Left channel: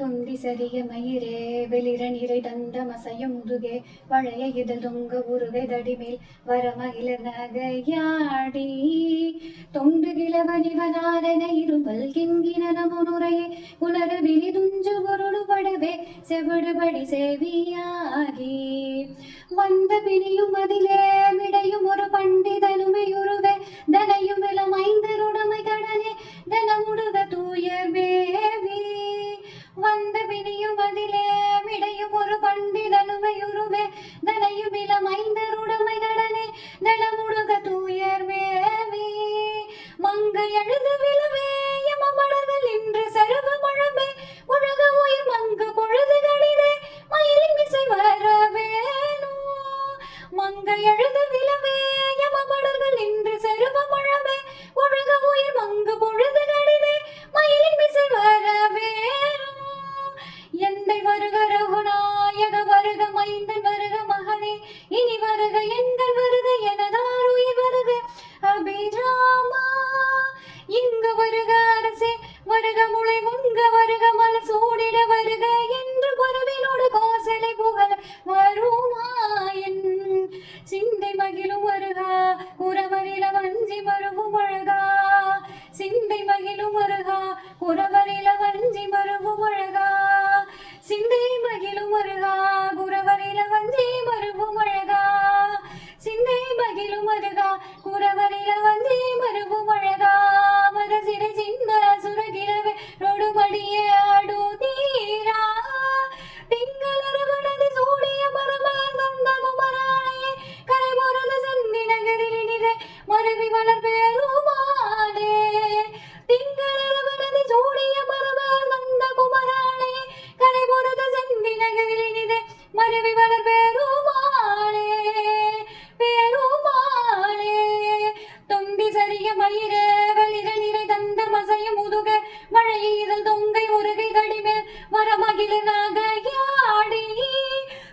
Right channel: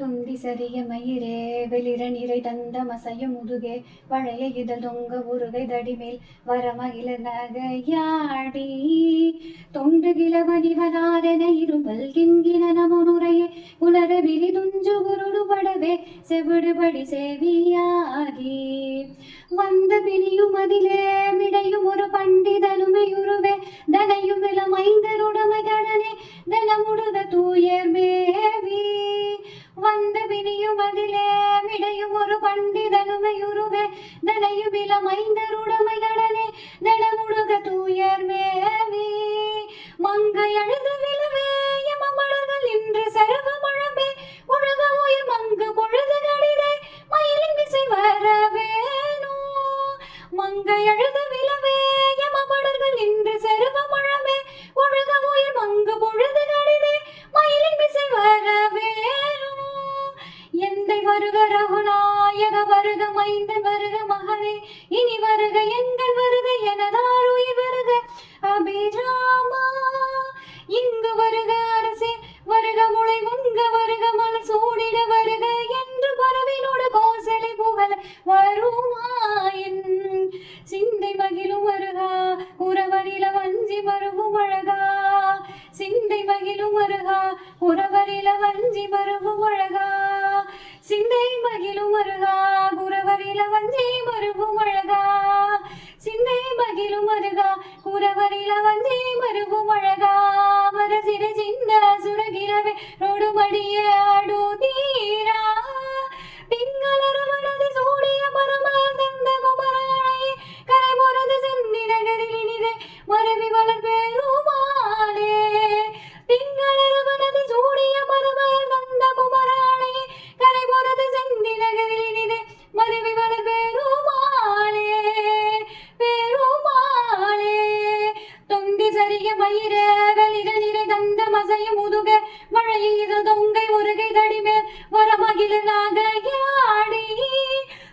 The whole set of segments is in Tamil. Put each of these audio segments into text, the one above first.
தொந்தி சரிய மயிரே வெளிர நிறை தந்த மசைய முதுகே வளைய இதழ் தொங்க உருகை தடிமேல் வரமகில நகையாடி தொண்டு கிளவனிவனாதன இருமல் கிண்கின நமனுரையே உலர விழி துஞ்சு குருடுபடவே செவிடுபடி செவியாகி வந்த பிணியும் அதிலே விடையும் ஒரு பண்டிதனுமையுருவே தனையும் இளம் ஐந்தருடுமை கடனே தனமுடுக தூயர் மேவி வந்த பிணியும் அதிலே விடையும் ஒரு பண்டிதனுமையுருவே தனையும் இளம் ஐந்தருடுமை கடனே தனமுடுக தூயர் மேவி மங்கை அழுது விழவே யமமடர்கள் இன்று செரவ மழமே உலக உயிர் மங்கு பொழுது கடிதே மயிலின் விசை வரவேனோ மங்கை அழுது விழவே யமமடர்கள் இன்று செரவ மழமே உலக உயிர் மங்கு பொழுது கடிதே மயிலின் விசை வரவேனோ எந்தை வருக ரகுநாயக வருக மைந்தன் வருக மகனே இனி வருக எங்கள் வருக எனதாருயிர் வருக அபிராமா இங்கு வருக அரசே வருக முளை முங்க வருக மலர் சூடிட வருக என்று பரவினோடு கோசலை புகழ வருமாயின் சிந்தை மகிழும் வருகா உறவரில வஞ்சி மருவும் அழகா சிந்தை மகிழும் வருகா உறவரில வஞ்சி மருவும் அழகா சிந்தை மகிழும் வருகா குறவரில வஞ்சி மருவும் அழகா சிந்தை மகிழும் வருகா குறவரில வஞ்சி மருவும் அழகா மரசிற சிந்த சுரகிலவே ரோடுமடிய ஆடு தீரா திங்களரவனது சூடிய பரமர் தந்த குமராணையே கரை பொறது செந்தி நகரில் இனிதே மருவி வளர் பெருமானே திங்களரவனது சூடிய பரமர் தந்த குமராணையே கரை பொறது செந்தி நகரில் இனிதே மருவி வளர் பெருமானே பெருமானே தொந்தி சரிய மயிர வெளிர நிறை தந்த மசைய முதுக மழைய இதழ் தொங்கை ஒருகை தடிமேல் வரமகில நகையாடி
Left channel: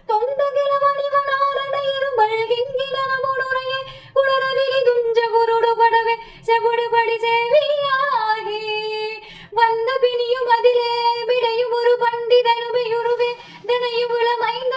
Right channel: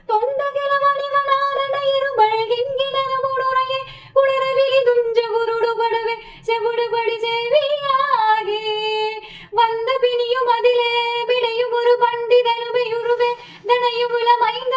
தொண்ட கிளவனிவனாரண இருமல் கிண்கின நமனுரையே உளரவிழி துஞ்ச குருடுபடவே செவிடுபடி செவியாகி வந்த பிணியும் அதிலே விடையும் ஒரு பண்டிதனுமையுருவே தனையும் இளமைந்த